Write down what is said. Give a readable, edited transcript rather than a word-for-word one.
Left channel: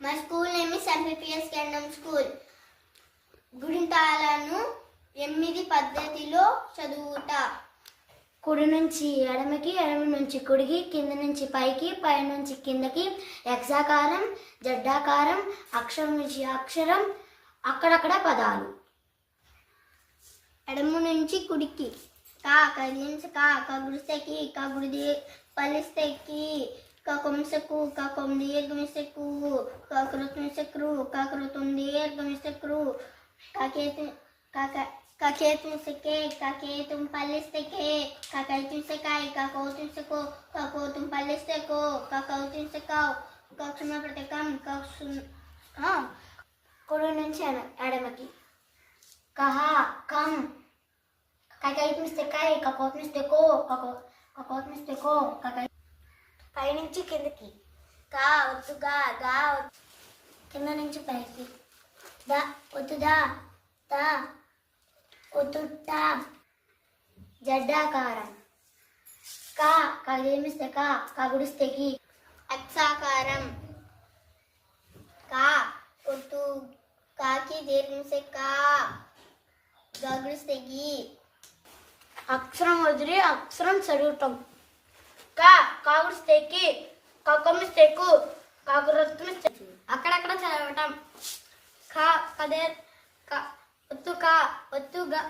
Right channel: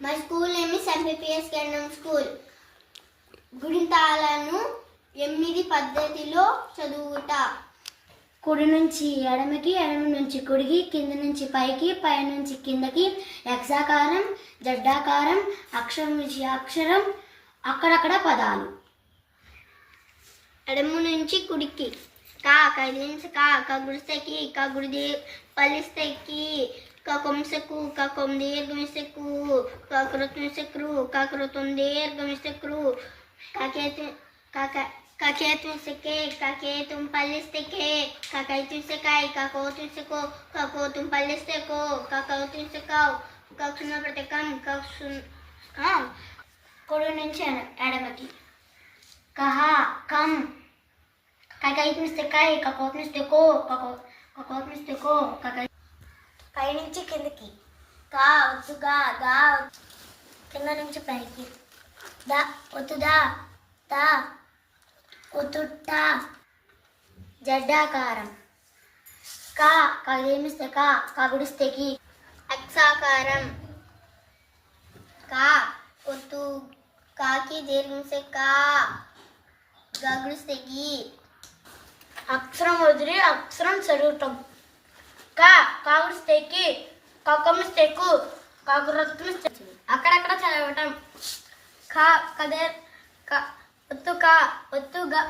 My school name is MPPS Kandam School. గుణితాలను 8 పద్ధతిలో చదువుట. కుడి నుంచి ఎడమకి, ఎడమ నుంచి కుడికి, కింద నుంచి పైకి, పై నుంచి కిందకి, ఎక్సాకారం, జడ్డాకారం, అక్షరం నుంచి అక్షరం, అక్కడక్కడ పదాలు. ఎడమ నుంచి కుడికి కా కదిలించ కా గుడిస్తకి కా గుడి పలిస్తకి కకొంసకు కకొం దీర్ఘమిసకు కకృత్మిసక్రు కకృతం దీర్ఘమిసక్రు కకేతుమిసకే కకేతుం పలిస్తకే కకైతుమిసకాయ కకోతుమిసకో కకోతుం పలిస్తకో కకౌతుమిసకావ్ కక్షణ ప్రతకం కుడి నుంచి ఎడమకి కహ కం కకైతుమిస్తకాయ కకోతుమిస్తకో కకోతుమిస్తకో కకై. పై నుంచి కిందకి కా ఒత్తు గా గా కింద నుంచి పైకి దా ఒత్తు దా తా ఒత్తుట్ట. జడ్డాకారం కా కదిలిస్తే కా కగుడిస్తేకి. అక్షాకారం కా ఒత్తు కాకి దీర్ఘమిసే కా గగుడిస్తకి. అక్షరం వదిలి అక్షరం చదువుతాం. కా కాగుడిస్తేకి కకొమిస్తేకు కాకురత్మిస్తే అక్కడక్కడ చదవటం. కా కదే ఒత్తు కా ఒత్తుగా